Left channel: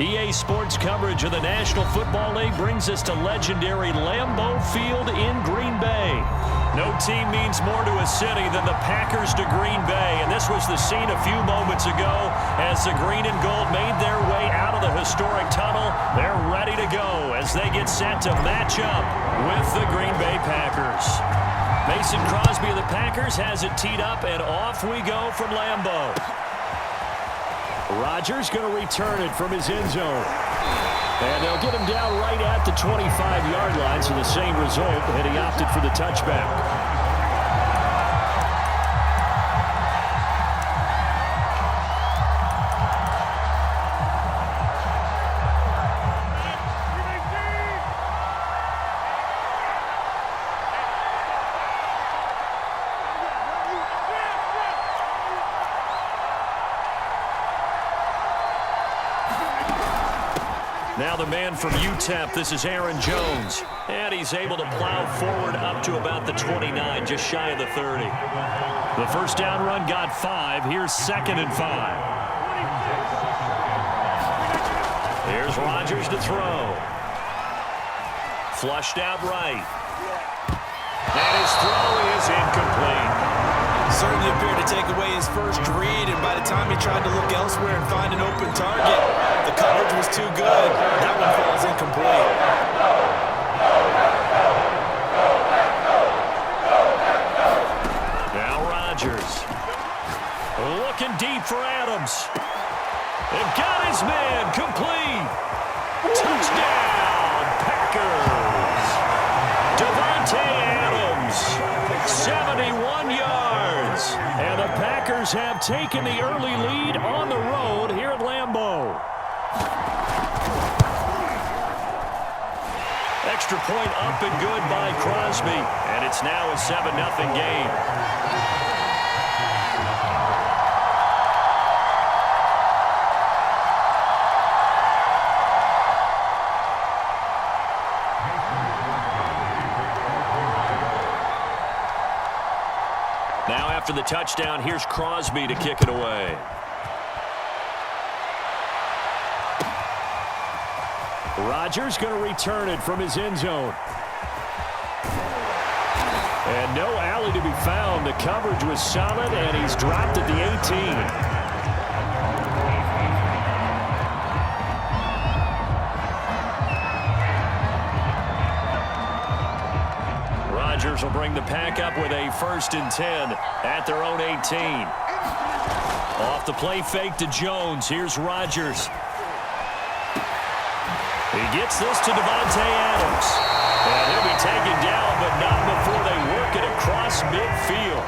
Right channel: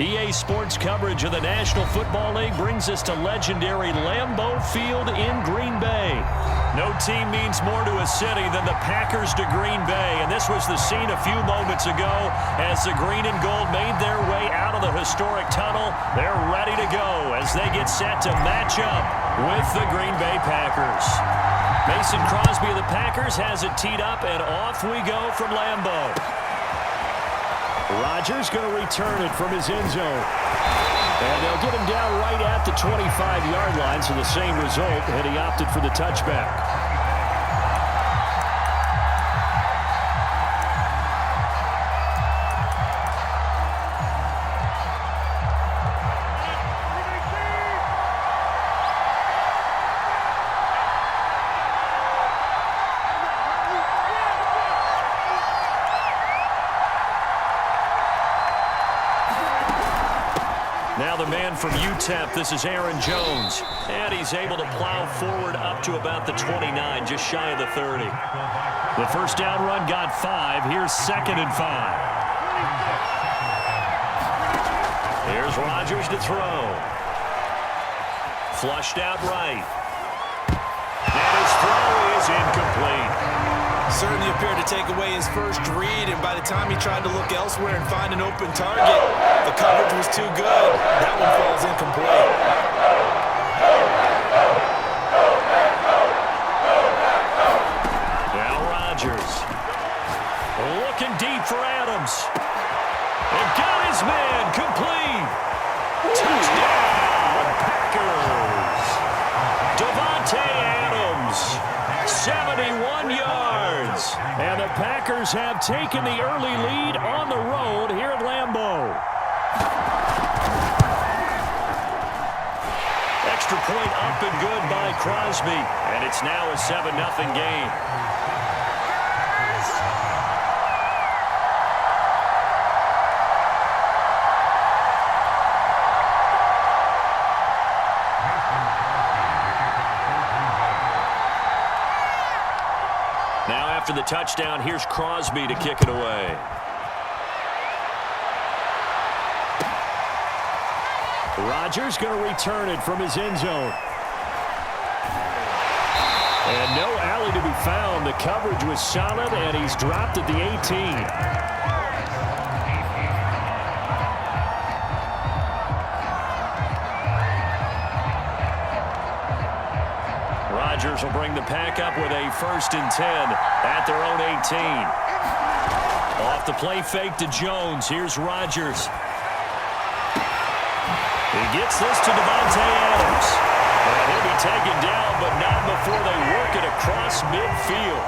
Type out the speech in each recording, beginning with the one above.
EA Sports coverage of the National Football League brings us to legendary Lambeau Field in Green Bay. No team means more to a city than the Packers to Green Bay, and this was the scene a few moments ago as the green and gold made their way out of the historic tunnel. They're ready to go as they get set to match up with the Green Bay Packers. Mason Crosby of the Packers has it teed up, and off we go from Lambeau. Rodgers going to return it from his end zone. And they'll get him down right at the 25-yard line, so the same result, and he opted for the touchback. Now the man from UTEP, this is Aaron Jones. And he's able to plow forward up to about the 29, just shy of the 30. The first down run got 5. Here's 2nd and 5. Here's Rodgers to throw. Flushed out right. And his throw is incomplete. Certainly appeared to take away his first read, and by the time he tried to look elsewhere and find an open target, the coverage was too good. That one falls incomplete. Now Rodgers. Looking deep for Adams. And got his man complete. Touchdown, Packers. Davante Adams. 71 yards. And the Packers have taken the early lead on the road here at Lambeau. Extra point up and good by Crosby. And it's now a 7-0 game. Now after the touchdown, here's Crosby to kick it away. Rodgers going to return it from his end zone. And no alley to be found. The coverage was solid, and he's dropped at the 18. Rodgers will bring the Pack up with a 1st and 10 at their own 18. Off the play fake to Jones. Here's Rodgers. He gets this to Davante Adams. And he'll be taken down, but not before they work it across midfield.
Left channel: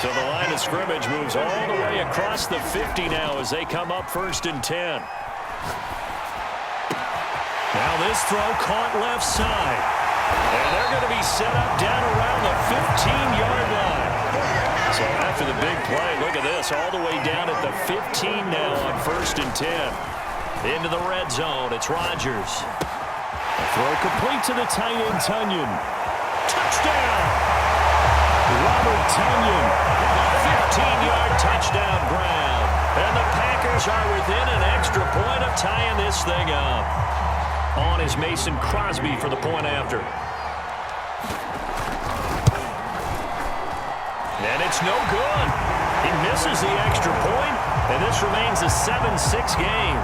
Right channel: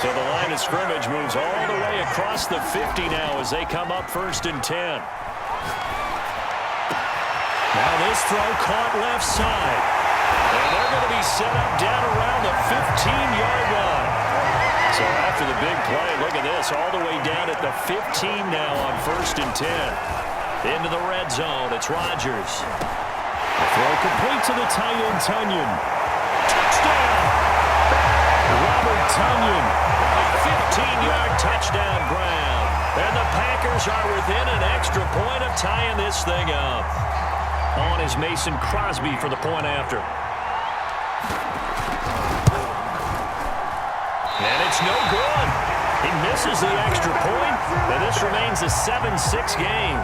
So the line of scrimmage moves all the way across the 50 now as they come up 1st and 10. Now this throw caught left side. And they're going to be set up down around the 15-yard line. So after the big play, look at this, all the way down at the 15 now on 1st and 10. Into the red zone, it's Rodgers. A throw complete to the tight end, Tunyon. Touchdown! Robert Tunyon. 15-yard touchdown ground. And the Packers are within an extra point of tying this thing up. On is Mason Crosby for the point after. And it's no good. He misses the extra point, and this remains a 7-6 game.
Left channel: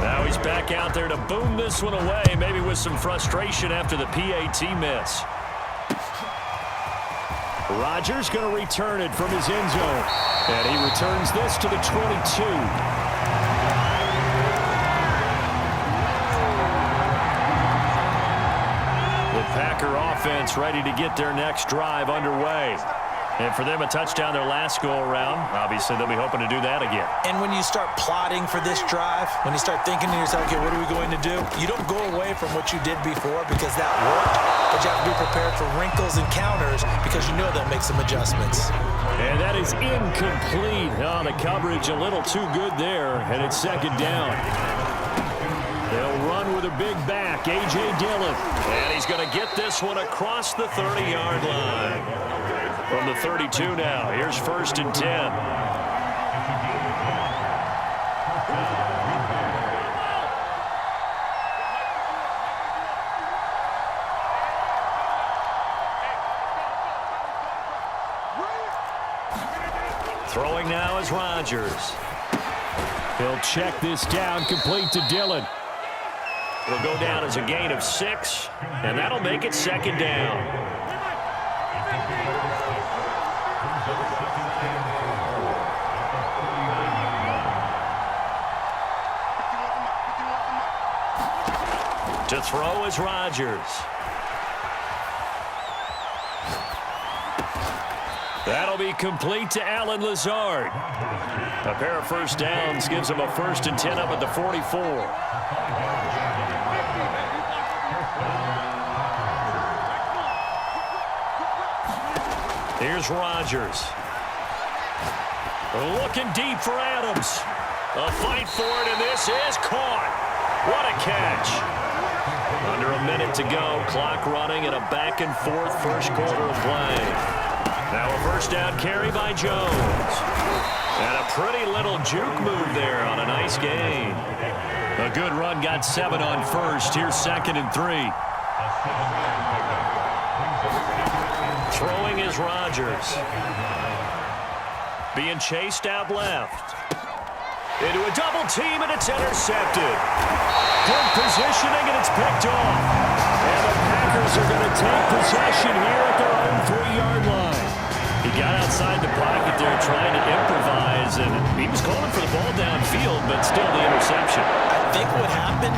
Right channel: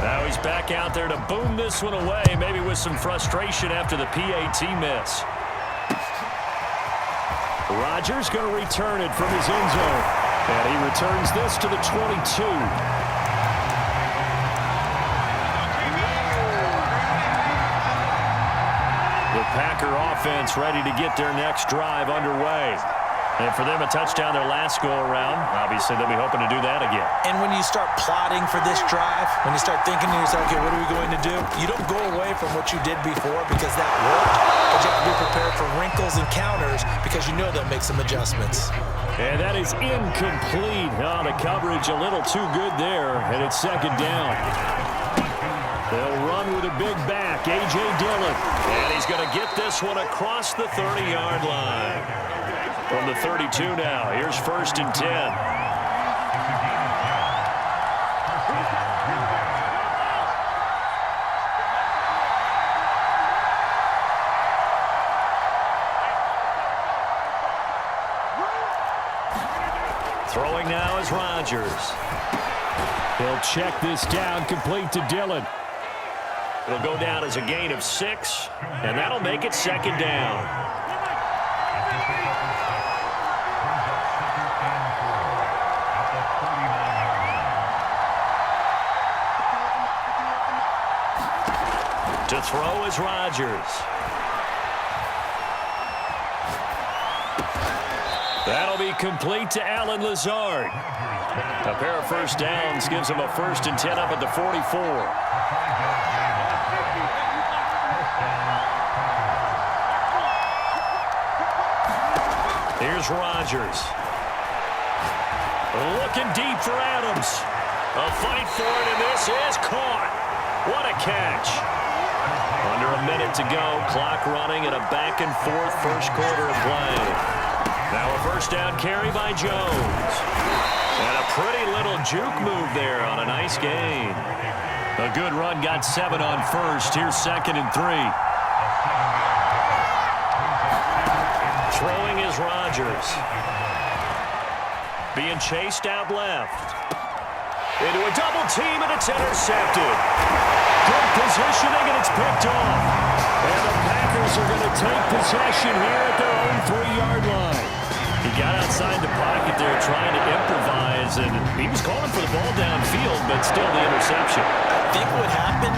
Now he's back out there to boom this one away, maybe with some frustration after the PAT miss. Rodgers going to return it from his end zone. And he returns this to the 22. The Packer offense ready to get their next drive underway. And for them, a touchdown their last go-around. Obviously, they'll be hoping to do that again. And when you start plotting for this drive, when you start thinking to yourself, okay, what are we going to do? You don't go away from what you did before because that worked, but you have to be prepared for wrinkles and counters because you know they'll make some adjustments. And that is incomplete. Oh, the coverage a little too good there, and it's 2nd down. They'll run with a big back, A.J. Dillon. And he's going to get this one across the 30-yard line. From the 32 now, here's 1st and 10. Throwing now is Rodgers. He'll check this down, complete to Dillon. It'll go down as a gain of 6, and that'll make it second down. To throw is Rodgers. That'll be complete to Allen Lazard. A pair of first downs gives him a 1st and 10 up at the 44. Here's Rodgers. Looking deep for Adams. A fight for it, and this is caught. What a catch. Under a minute to go, clock running, and a back-and-forth first quarter of play. Now a first down carry by Jones. And a pretty little juke move there on a nice gain. A good run, got 7 on first. Here's 2nd and 3. Throwing is Rodgers. Being chased out left. Into a double team, and it's intercepted. Good positioning, and it's picked off. And the Packers are going to take possession here at their own 3-yard line. He got outside the pocket there trying to improvise, and he was calling for the ball downfield, but still the interception. I think what happened,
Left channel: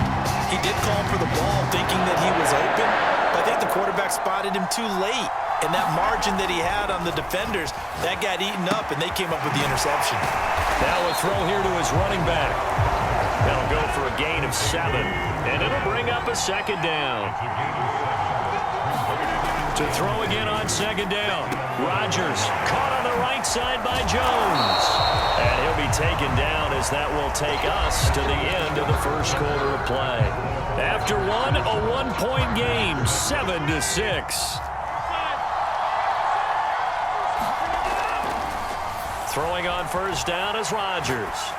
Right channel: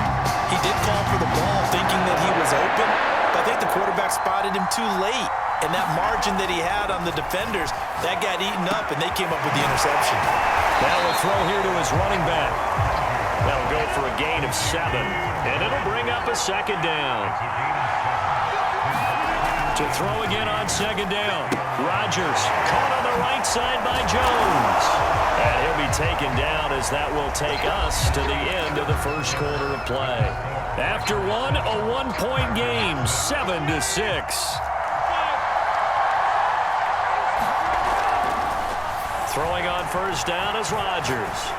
he did call for the ball thinking that he was open, but I think the quarterback spotted him too late. And that margin that he had on the defenders, that got eaten up, and they came up with the interception. Now a throw here to his running back. That'll go for a gain of 7, and it'll bring up a second down. To throw again on second down. Rodgers caught on the right side by Jones. And he'll be taken down as that will take us to the end of the first quarter of play. After one, a 1-point game, 7-6. Throwing on first down is Rodgers.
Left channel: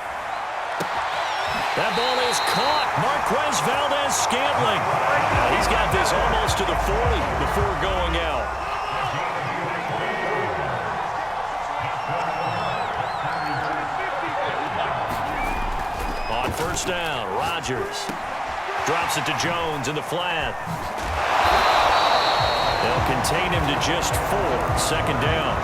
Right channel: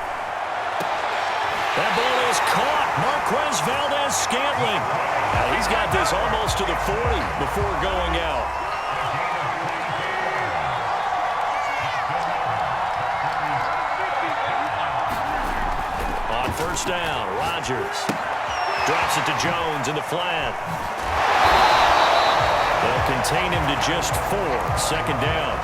That ball is caught. Marquez Valdez-Scantling. Now he's got this almost to the 40 before going out. On first down, Rodgers drops it to Jones in the flat. They'll contain him to just 4. Second down.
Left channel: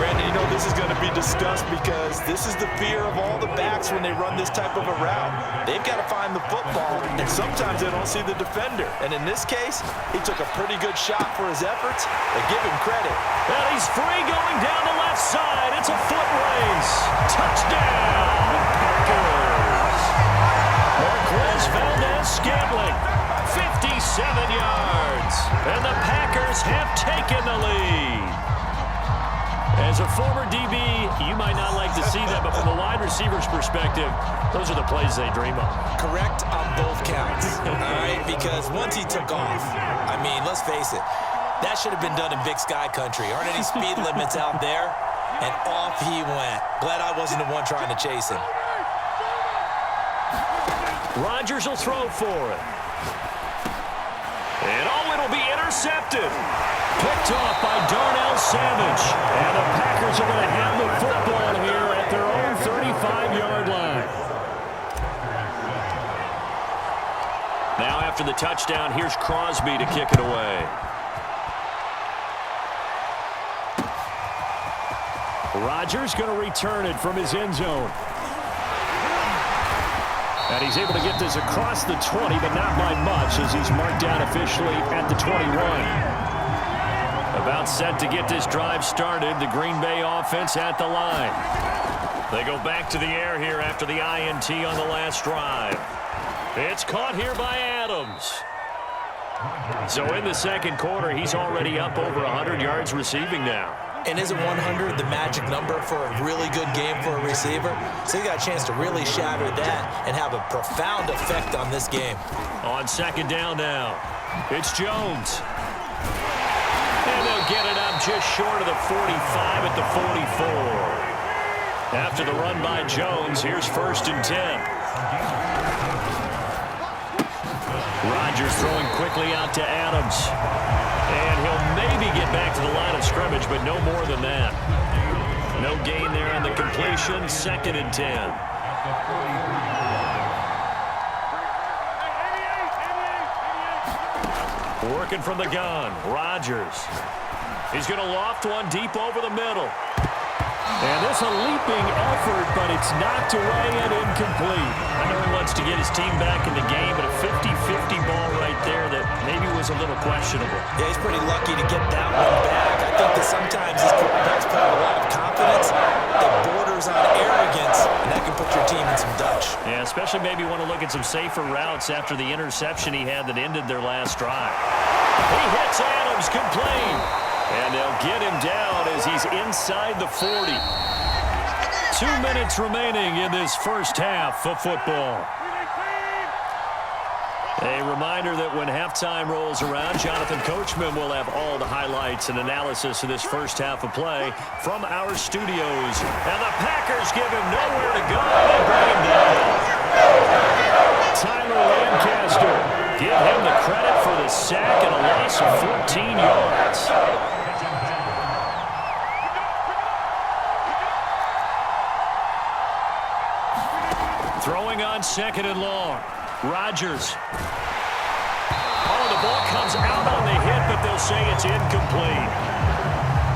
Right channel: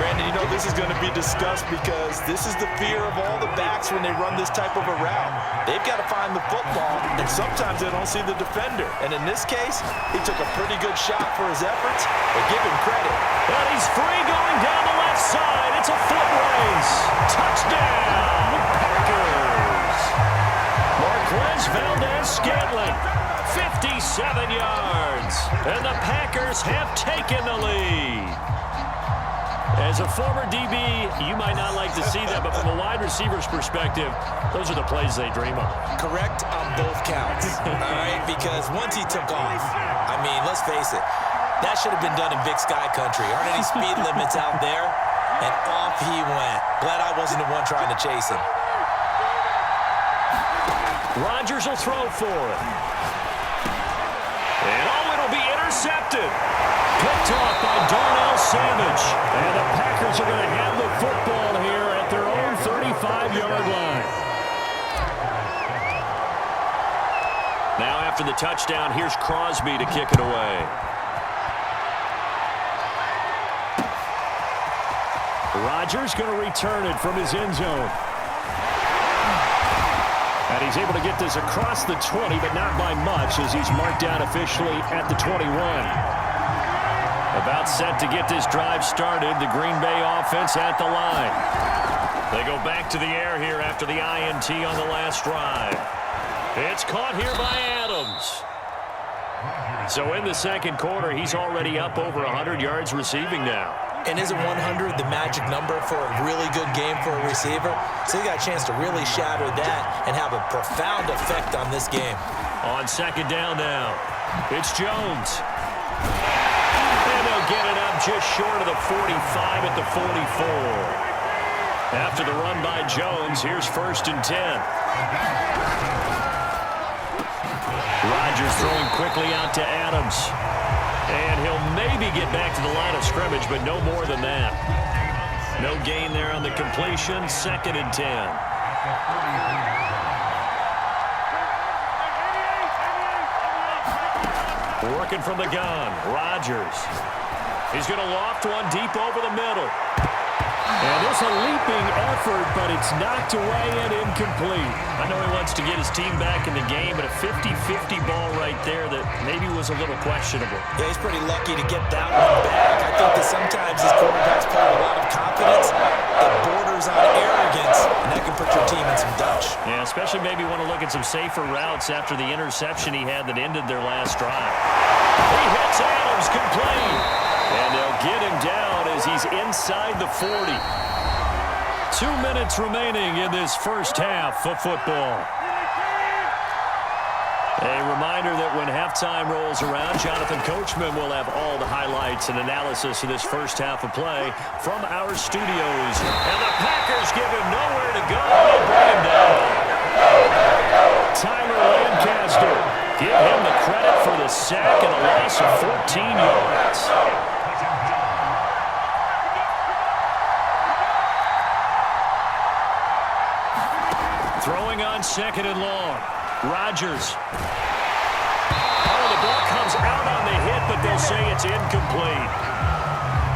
Brandon, you know this is going to be discussed because this is the fear of all the backs when they run this type of a route. They've got to find the football, and sometimes they don't see the defender. And in this case, he took a pretty good shot for his efforts, but give him credit. And he's free going down the left side. It's a foot race. Touchdown, Packers. Marquez Valdez-Scantling, 57 yards. And the Packers have taken the lead. As a former DB, you might not like to see that, but from a wide receiver's perspective, those are the plays they dream of. Correct on both counts, all right? Because once he took off, I mean, let's face it, that should have been done in Big Sky Country. Aren't any speed limits out there? And off he went. Glad I wasn't the one trying to chase him. Rodgers will throw for it. And it'll be intercepted. Picked off by Darnell Savage. And the Packers are going to have the football here at their own 35-yard line. Now after the touchdown, here's Crosby to kick it away. Rodgers going to return it from his end zone. And he's able to get this across the 20, but not by much as he's marked down officially at the 21. About set to get this drive started, the Green Bay offense at the line. They go back to the air here after the INT on the last drive. It's caught here by Adams. So in the second quarter, he's already up over 100 yards receiving now. And isn't 100 the magic number for a really good game for a receiver? So he got a chance to really shatter that and have a profound effect on this game. On second down now, it's Jones. And they'll get it up just short of the 45 at the 44. After the run by Jones, here's 1st and 10. Rodgers throwing quickly out to Adams. And he'll maybe get back to the line of scrimmage, but no more than that. No gain there on the completion. 2nd and 10. Working from the gun, Rodgers. He's going to loft one deep over the middle. And it's a leaping effort, but it's knocked away and incomplete. I know he wants to get his team back in the game, but a 50-50 ball right there that maybe was a little questionable. Yeah, he's pretty lucky to get that one back. I think that sometimes these quarterbacks play with a lot of confidence that borders on arrogance, and that can put your team in some Dutch. Yeah, especially maybe want to look at some safer routes after the interception he had that ended their last drive. He hits Adams, complete. And they'll get him down as he's inside the 40. 2 minutes remaining in this first half of football. A reminder that when halftime rolls around, Jonathan Coachman will have all the highlights and analysis of this first half of play from our studios. And the Packers give him nowhere to go. They bring him down. Tyler Lancaster, give him the credit for the sack and a loss of 14 yards. Throwing on 2nd and long. Rodgers. Oh, the ball comes out on the hit, but they'll say it's incomplete.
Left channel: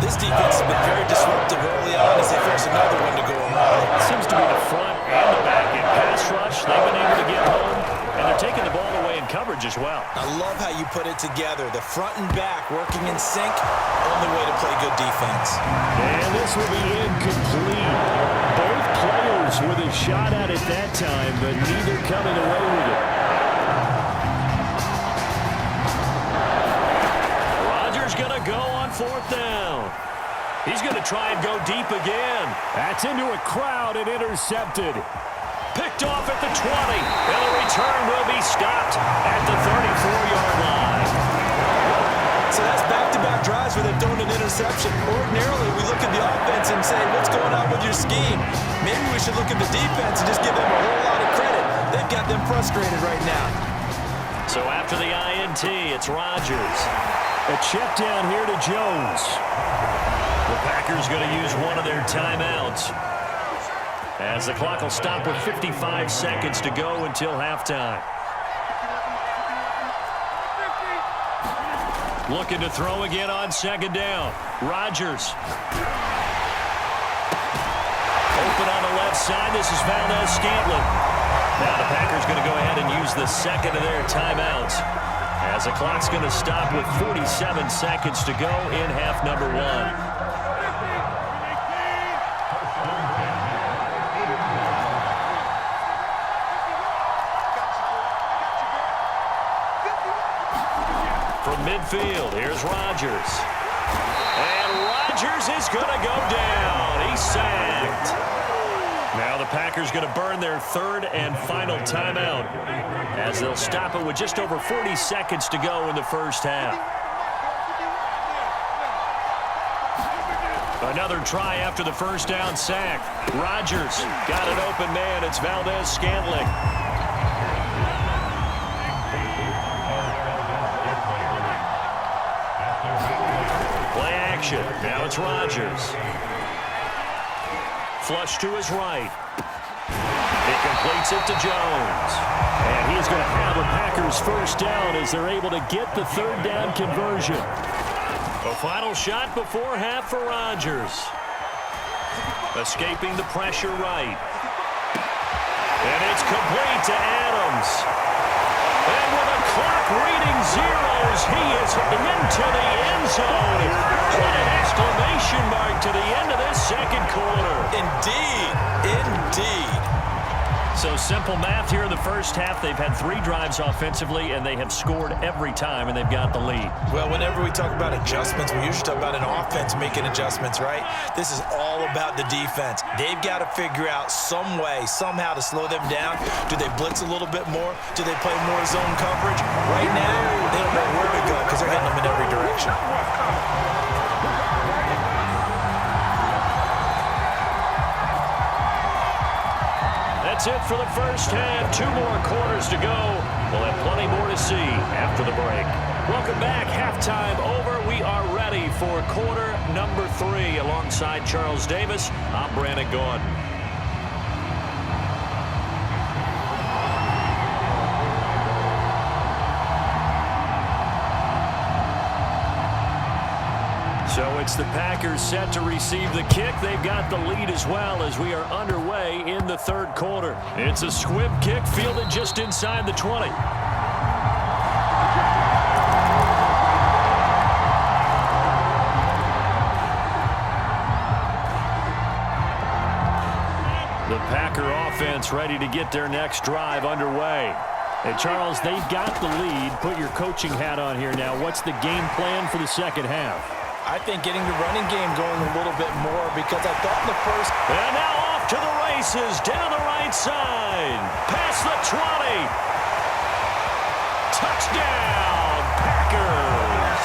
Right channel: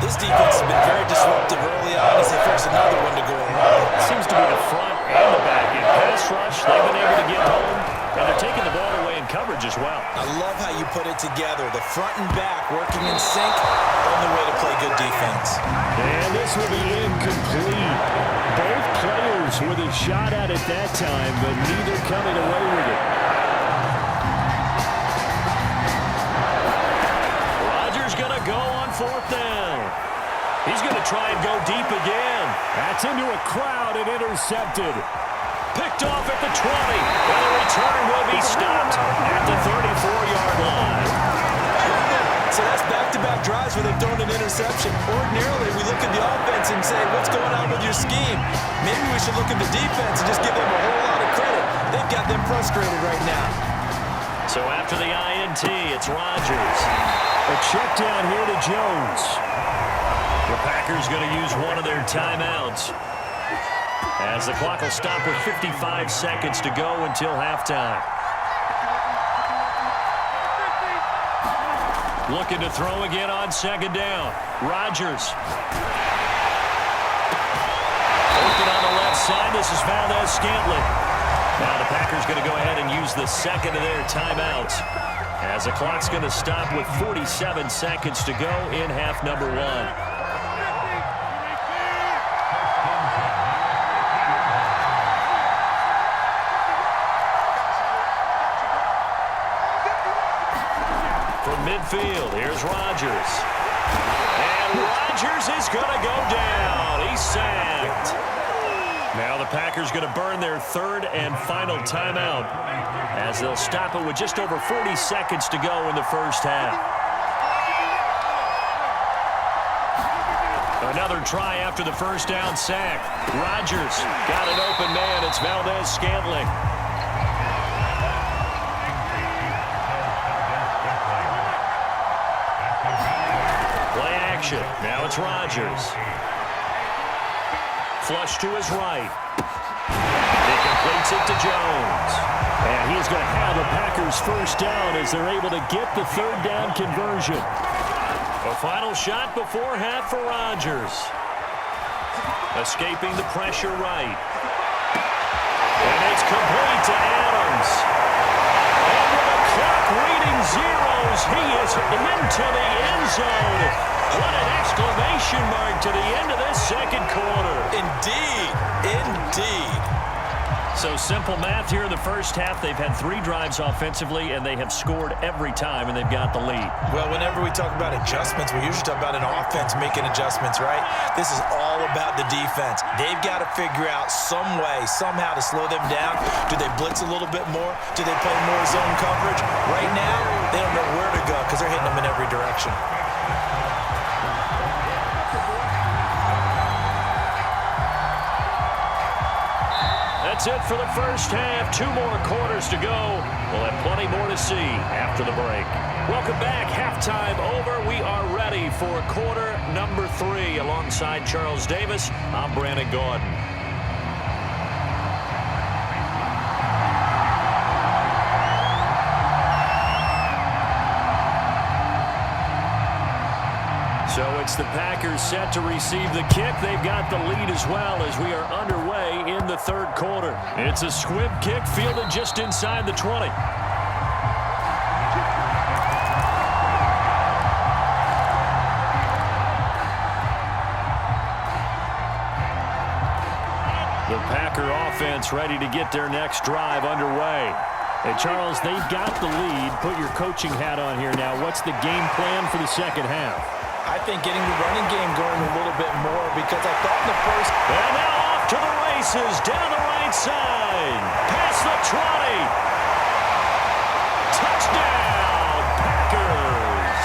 This defense has been very disruptive early on as they force another one to go awry. Seems to be the front and the back end. Pass rush, they've been able to get home, and they're taking the ball away in coverage as well. I love how you put it together. The front and back working in sync, only way to play good defense. And this will be incomplete. Both players with a shot at it that time, but neither coming away with it. Rodgers going to go on 4th down. He's going to try and go deep again. That's into a crowd and intercepted. Picked off at the 20, and the return will be stopped at the 34-yard line. So that's back-to-back drives where they've thrown an interception. Ordinarily, we look at the offense and say, what's going on with your scheme? Maybe we should look at the defense and just give them a whole lot of credit. They've got them frustrated right now. So after the INT, it's Rodgers. A check down here to Jones. The Packers going to use one of their timeouts, as the clock will stop with 55 seconds to go until halftime. Looking to throw again on 2nd down. Rodgers. Open on the left side. This is Valdez-Scantling. Now the Packers going to go ahead and use the second of their timeouts, as the clock's going to stop with 47 seconds to go in half number 1. From midfield, here's Rodgers. And Rodgers is going to go down. He's sacked. Now the Packers going to burn their 3rd and final timeout, as they'll stop it with just over 40 seconds to go in the first half. Another try after the first down sack. Rodgers got an open man. It's Valdez-Scantling. Play action. Now it's Rodgers. Flush to his right. He completes it to Jones. And he's going to have a Packers first down as they're able to get the 3rd down conversion. A final shot before half for Rodgers. Escaping the pressure right. And it's complete to Adams. And with the clock reading zeros, he is into the end zone. What an exclamation mark to the end of this second quarter. Indeed. Indeed. So simple math here in the first half. They've had 3 drives offensively, and they have scored every time, and they've got the lead. Well, whenever we talk about adjustments, we usually talk about an offense making adjustments, right? This is all about the defense. They've got to figure out some way, somehow to slow them down. Do they blitz a little bit more? Do they play more zone coverage? Right now, they don't know where to go because they're hitting them in every direction. That's it for the first half. 2 more quarters to go. We'll have plenty more to see after the break. Welcome back. Halftime over. We are ready for quarter number 3. Alongside Charles Davis, I'm Brandon Gaudin. So it's the Packers set to receive the kick. They've got the lead as well as we are underway in the third quarter. It's a squib kick fielded just inside the 20. The Packer offense ready to get their next drive underway. Hey, Charles, they've got the lead. Put your coaching hat on here now. What's the game plan for the second half? I think getting the running game going a little bit more because I thought in the first... And now off to the races down the right side. Past the 20. Touchdown, Packers.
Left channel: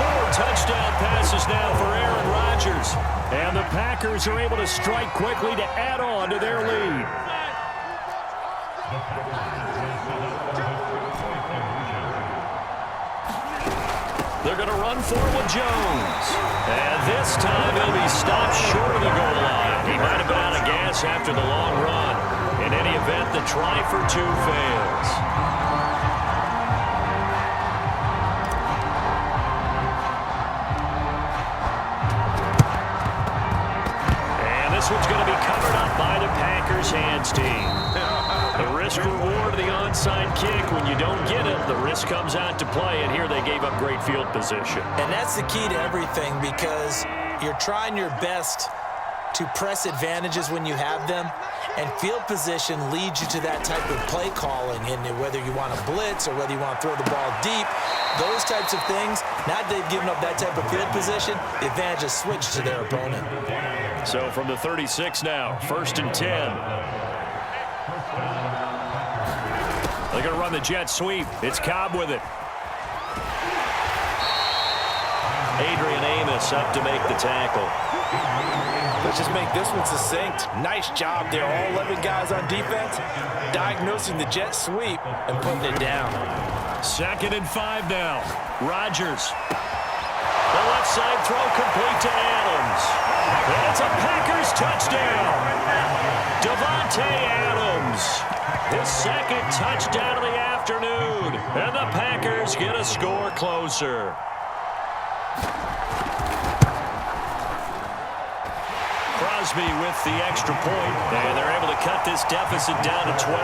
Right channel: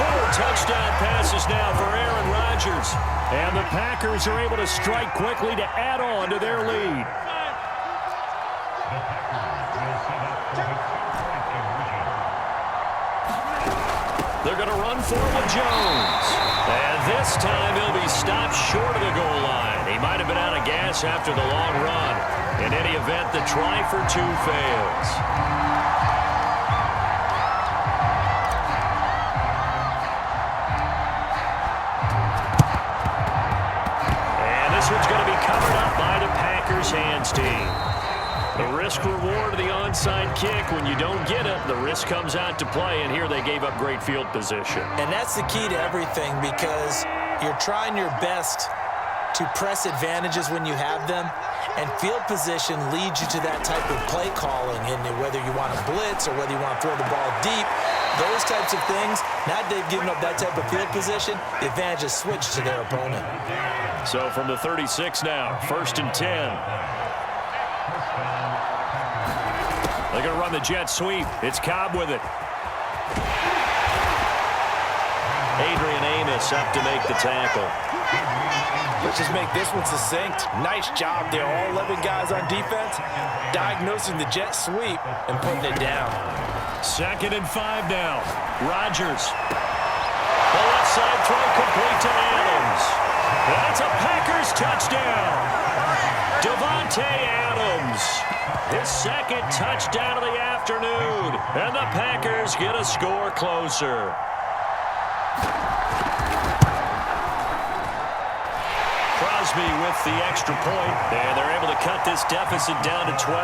4 touchdown passes now for Aaron Rodgers. And the Packers are able to strike quickly to add on to their lead. They're going to run forward with Jones. And this time he'll be stopped short of the goal line. He might have been out of gas after the long run. In any event, the try for 2 fails. And this one's going to be covered up by the Packers hands team. The risk-reward of the onside kick, when you don't get it, the risk comes out to play, and here they gave up great field position. And that's the key to everything because you're trying your best to press advantages when you have them, and field position leads you to that type of play calling, and whether you want to blitz or whether you want to throw the ball deep, those types of things, now that they've given up that type of field position, the advantage is switched to their opponent. So from the 36 now, 1st and 10. They're going to run the jet sweep. It's Cobb with it. Adrian Amos up to make the tackle. Let's just make this one succinct. Nice job there. All 11 guys on defense diagnosing the jet sweep and putting it down. 2nd and 5 now. Rodgers. The left side throw complete to Adams. And it's a Packers touchdown. Davante Adams. His 2nd touchdown of the afternoon. And the Packers get a score closer. Crosby with the extra point, and they're able to cut this deficit down to 12.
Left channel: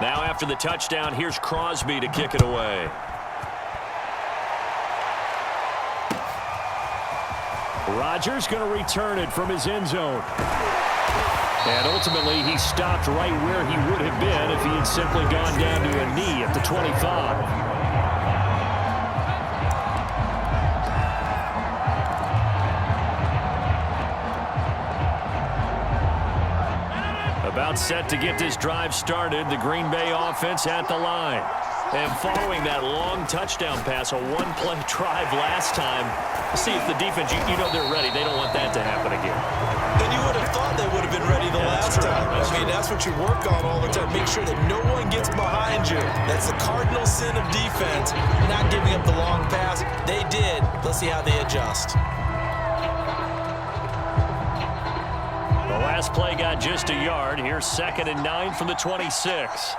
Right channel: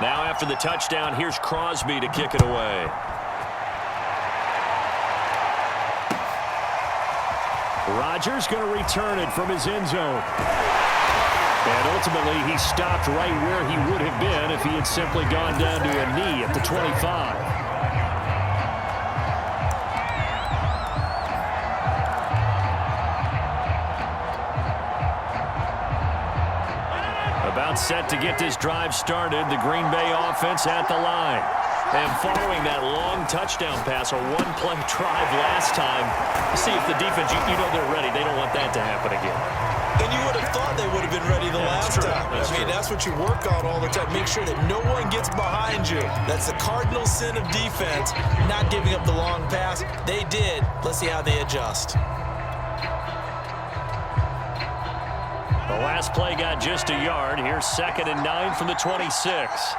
Now after the touchdown, here's Crosby to kick it away. Rodgers going to return it from his end zone. And ultimately, he stopped right where he would have been if he had simply gone down to a knee at the 25. About set to get this drive started, the Green Bay offense at the line. And following that long touchdown pass, a one-play drive last time, see if the defense, you know they're ready. They don't want that to happen again. And you would have thought they would have been ready the last time. I mean, that's what you work on all the time. Make sure that no one gets behind you. That's the cardinal sin of defense, not giving up the long pass. They did. Let's see how they adjust. The last play got just a yard. Here's 2nd and 9 from the 26.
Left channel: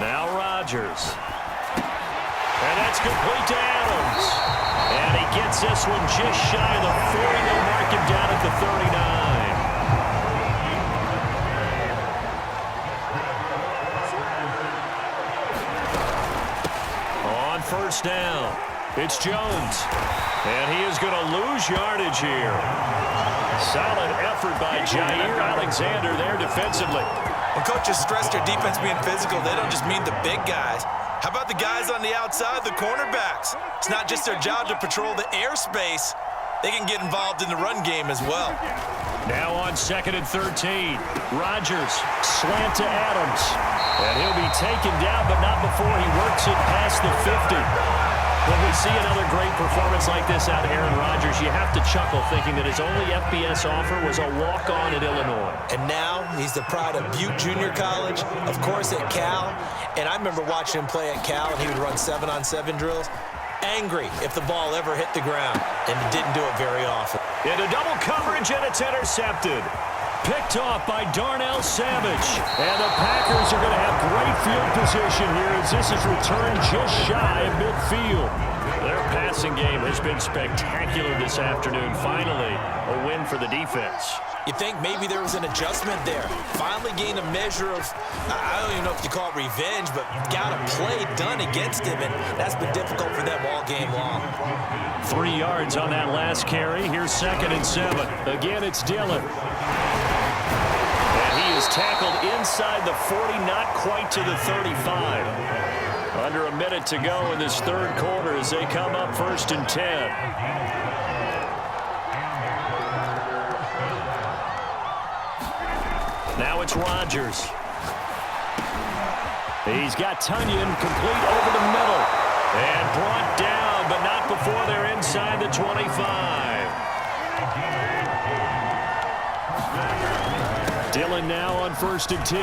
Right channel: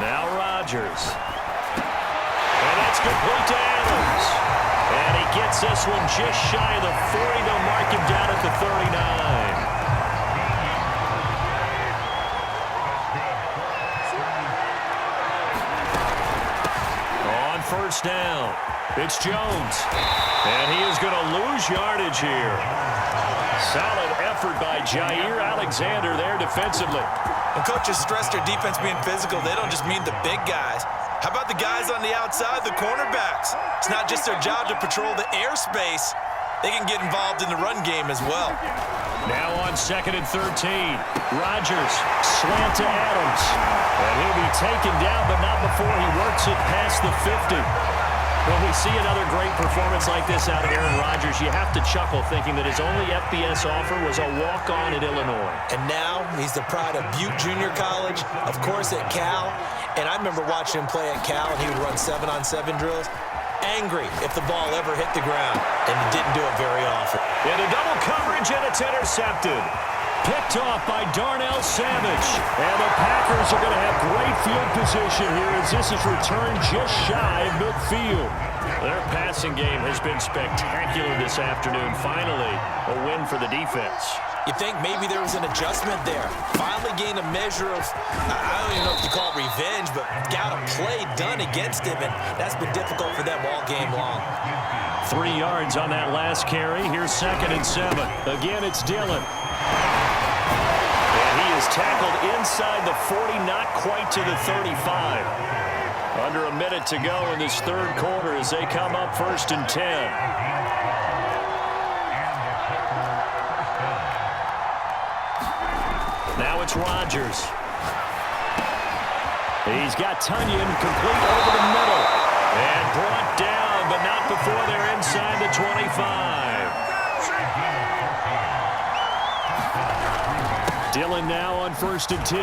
Now Rodgers. And that's complete to Adams. And he gets this one just shy of the 40. They'll mark him down at the 39. On 1st down, it's Jones. And he is going to lose yardage here. Solid effort by Jair Alexander there defensively. When coaches stress their defense being physical, they don't just mean the big guys. How about the guys on the outside, the cornerbacks? It's not just their job to patrol the airspace. They can get involved in the run game as well. Now on 2nd and 13. Rodgers, slant to Adams. And he'll be taken down, but not before he works it past the 50. When we see another great performance like this out of Aaron Rodgers, you have to chuckle thinking that his only FBS offer was a walk-on at Illinois. And now he's the pride of Butte Junior College, of course at Cal. And I remember watching him play at Cal, and he would run 7-on-7 drills. Angry if the ball ever hit the ground, and he didn't do it very often. Into double coverage, and it's intercepted. Picked off by Darnell Savage. And the Packers are going to have great field position here as this is returned just shy of midfield. Their passing game has been spectacular this afternoon. Finally, a win for the defense. You think maybe there was an adjustment there. Finally gained a measure of, I don't even know if you call it revenge, but got a play done against him, and that's been difficult for them all game long. 3 yards on that last carry. Here's 2nd and 7. Again, it's Dillon. And he is tackled inside the 40, not quite to the 35. Under a minute to go in this third quarter as they come up 1st and 10. Now it's Rodgers. He's got Tunyon complete over the middle. And brought down, but not before they're inside the 25. Dillon now on 1st and 10.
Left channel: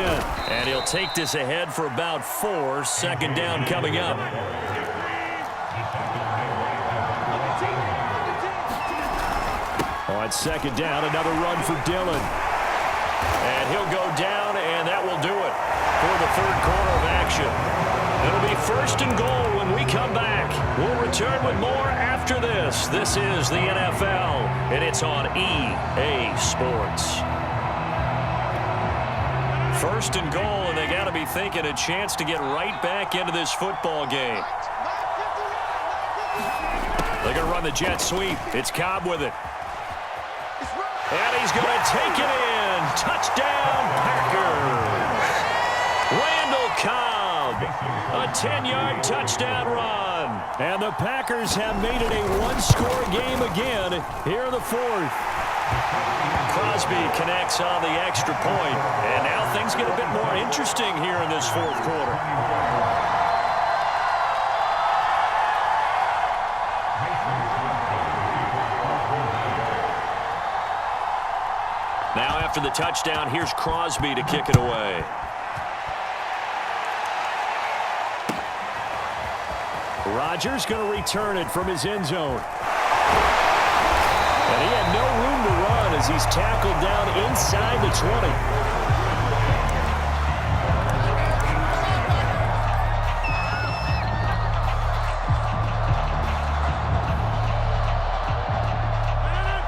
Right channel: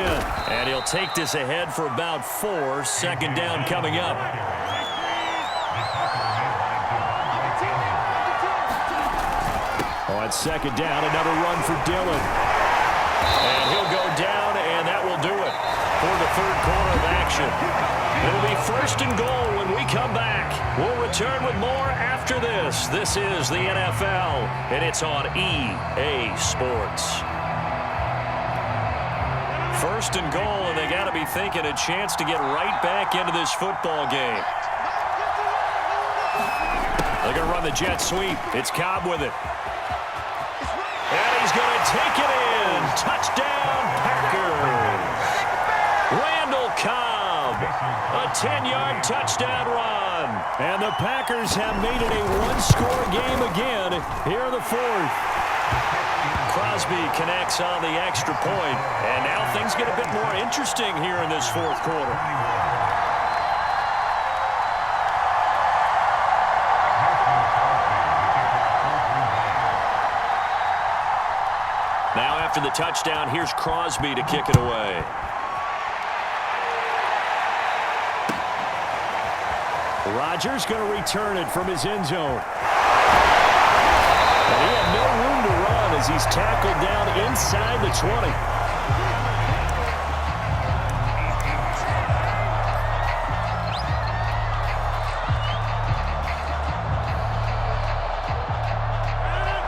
And he'll take this ahead for about 4. 2nd down coming up. On 2nd down, another run for Dillon. And he'll go down, and that will do it for the third quarter of action. It'll be 1st and goal when we come back. We'll return with more after this. This is the NFL, and it's on EA Sports. 1st and goal, and they got to be thinking a chance to get right back into this football game. They're going to run the jet sweep. It's Cobb with it. And he's going to take it in. Touchdown, Packers. Randall Cobb, a 10-yard touchdown run. And the Packers have made it a one-score game again here in the 4th. Crosby connects on the extra point. And now things get a bit more interesting here in this 4th quarter. Now after the touchdown, here's Crosby to kick it away. Rodgers going to return it from his end zone. And he had no room to run as he's tackled down inside the 20.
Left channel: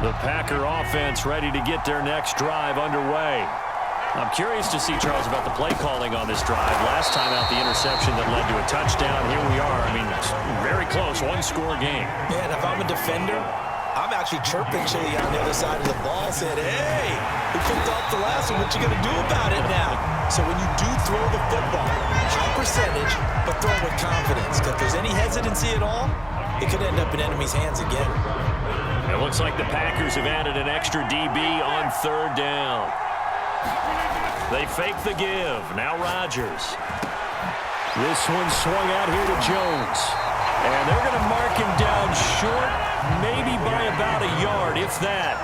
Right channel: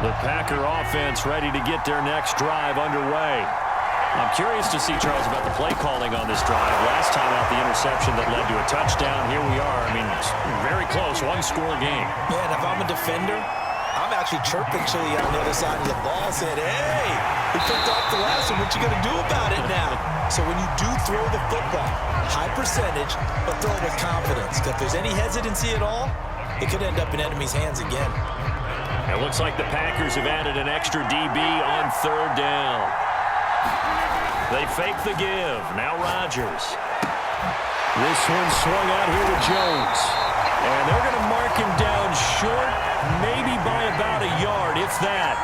The Packer offense ready to get their next drive underway. I'm curious to see, Charles, about the play calling on this drive. Last time out, the interception that led to a touchdown. Here we are. I mean, very close, one-score game. Yeah, and if I'm a defender, I'm actually chirping Chili on the other side of the ball, saying, hey, we picked off the last one. What you going to do about it now? So when you do throw the football, high percentage, but throw it with confidence. Because if there's any hesitancy at all, it could end up in enemy's hands again. It looks like the Packers have added an extra DB on 3rd down. They fake the give. Now Rodgers. This one swung out here to Jones. And they're going to mark him down short, maybe by about a yard, if that.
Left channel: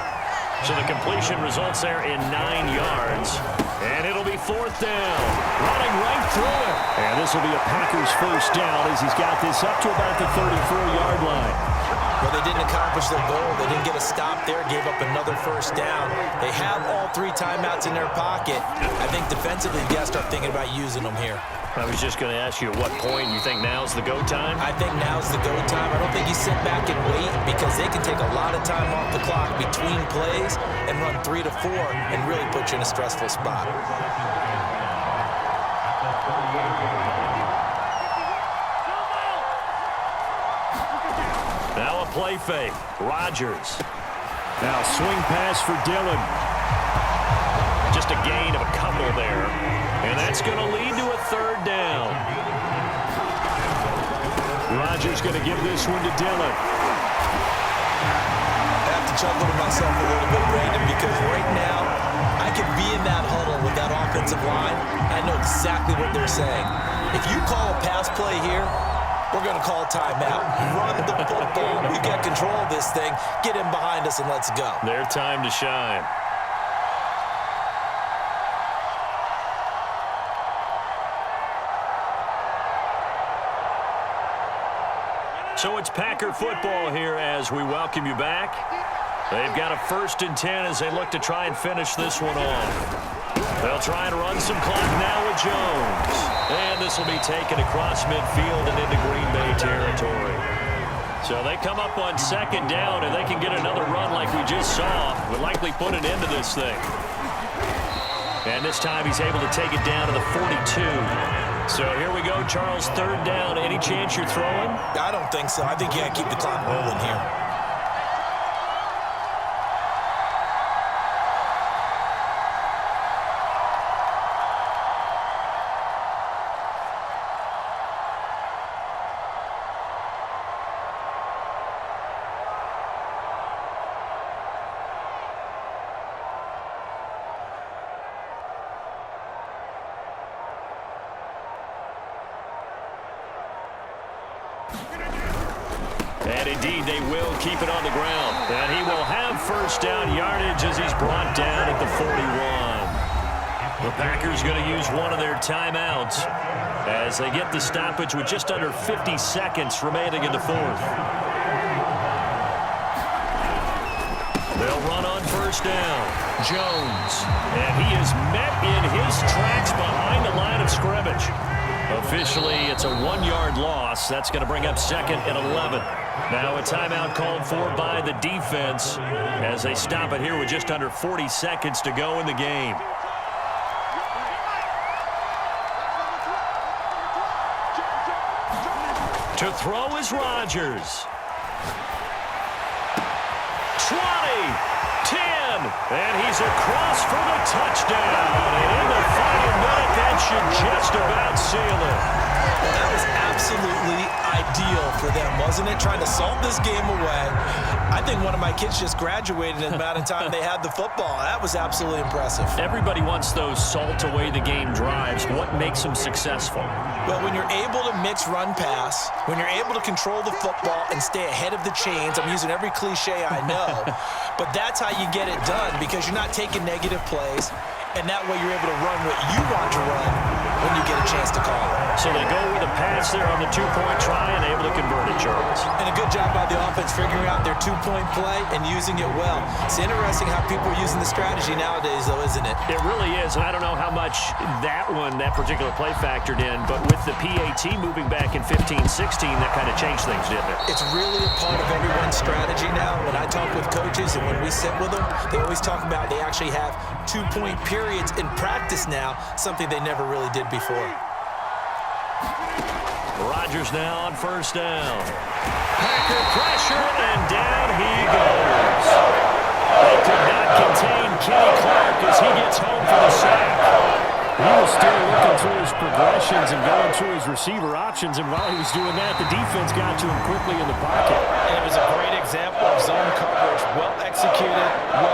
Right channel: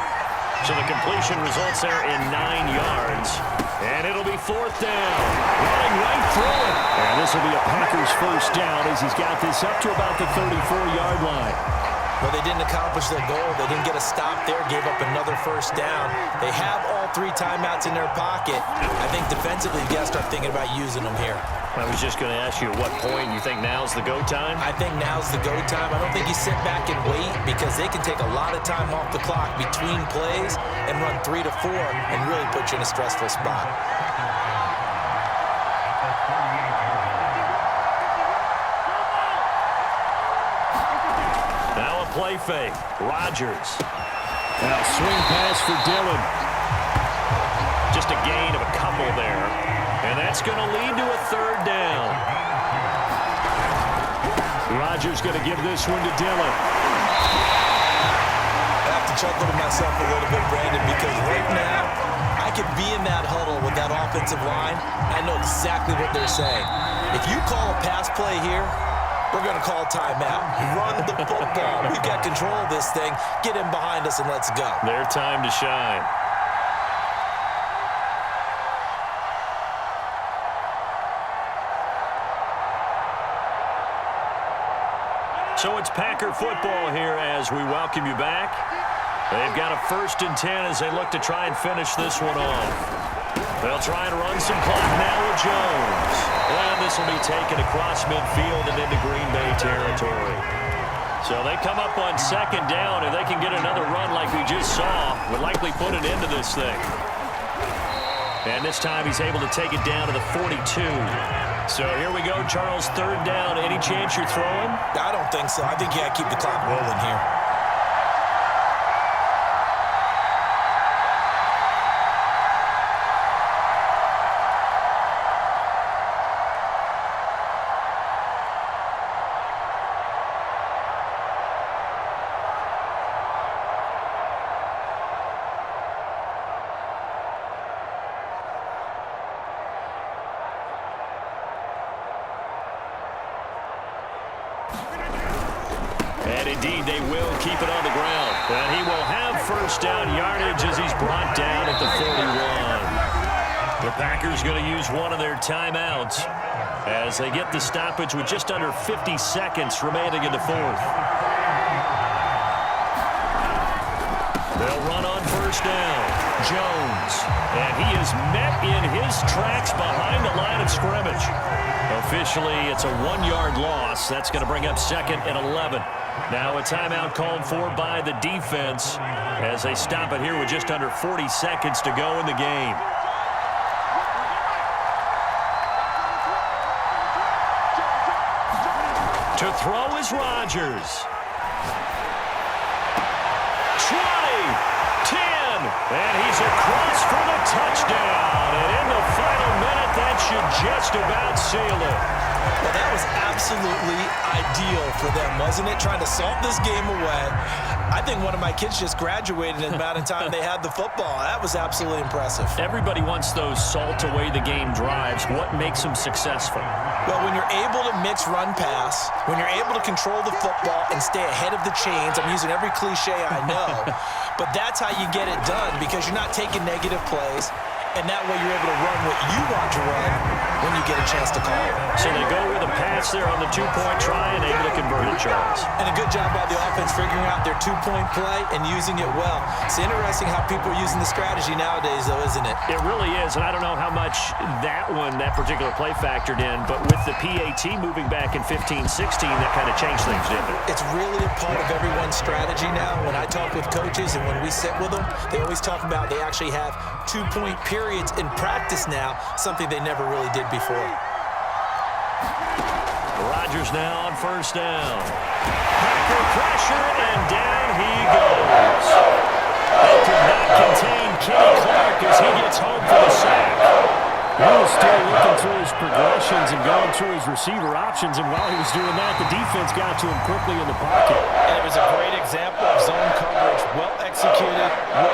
So the completion results there in 9 yards. And it'll be 4th down. Running right through it. And this will be a Packers 1st down as he's got this up to about the 34-yard line. Well, they didn't accomplish their goal. They didn't get a stop there, gave up another 1st down. They have all 3 timeouts in their pocket. I think defensively, you got to start thinking about using them here. I was just going to ask you at what point you think now's the go time? I think now's the go time. I don't think you sit back and wait because they can take a lot of time off the clock between plays and run 3 to 4 and really put you in a stressful spot. Now a play fake. Rodgers. Now swing pass for Dillon. Just a gain of a couple there. And that's going to lead to a 3rd down. Rodgers going to give this one to Dillon. I have to chuckle to myself a little bit, Brandon, because right now I could be in that huddle with that offensive line. I know exactly what they're saying. If you call a pass play here, we're going to call timeout. Run the football. We've got control of this thing. Get in behind us and let's go. Their time to shine. So it's Packer football here as we welcome you back. They've got a 1st and 10 as they look to try and finish this one off. They'll try and run some clock now with Jones. And this will be taken across midfield and into Green Bay territory. So they come up on 2nd down, and they can get another run like we just saw. Would likely put an end to this thing. And this time he's able to take it down to the 42. So here we go, Charles, 3rd down. Any chance you're throwing? I don't think so. I think you got to keep the clock rolling here. And indeed, they will keep it on the ground. And he will have 1st down yardage as he's brought down at the 41. The Packers going to use one of their timeouts as they get the stoppage with just under 50 seconds remaining in the 4th. They'll run on 1st down. Jones. And he is met in his tracks behind the line of scrimmage. Officially, it's a 1-yard loss. That's going to bring up 2nd and 11. Now a timeout called for by the defense as they stop it here with just under 40 seconds to go in the game. To throw is Rodgers. 20, 10, and he's across for the touchdown. And in the final minute, that should just about seal it. Well, that was absolutely ideal for them, wasn't it? Trying to salt this game away. I think one of my kids just graduated in the amount of time they had the football. That was absolutely impressive. Everybody wants those salt away the game drives. What makes them successful? Well, when you're able to mix run-pass, when you're able to control the football and stay ahead of the chains, I'm using every cliche I know, but that's how you get it done because you're not taking negative plays, and that way you're able to run what you want to run when you get a chance to call it. So they go with a pass there on the 2-point try and able to convert it, Charles. And a good job by the offense figuring out their 2-point play and using it well. It's interesting how people are using the strategy nowadays, though, isn't it? It really is, and I don't know how much that particular play factored in, but with the PAT moving back in 15-16, that kind of changed things, didn't it? It's really a part of everyone's strategy now. When I talk with coaches and when we sit with them, they always talk about they actually have 2-point periods in practice now, something they never really did before. Rodgers now on 1st down. Packer pressure, and down he goes. They could not contain Kenny Clark as he gets home for the sack. He was still looking through his progressions and going through his receiver options, and while he was doing that, the defense got to him quickly in the pocket. And it was a great example of zone coverage, well executed, well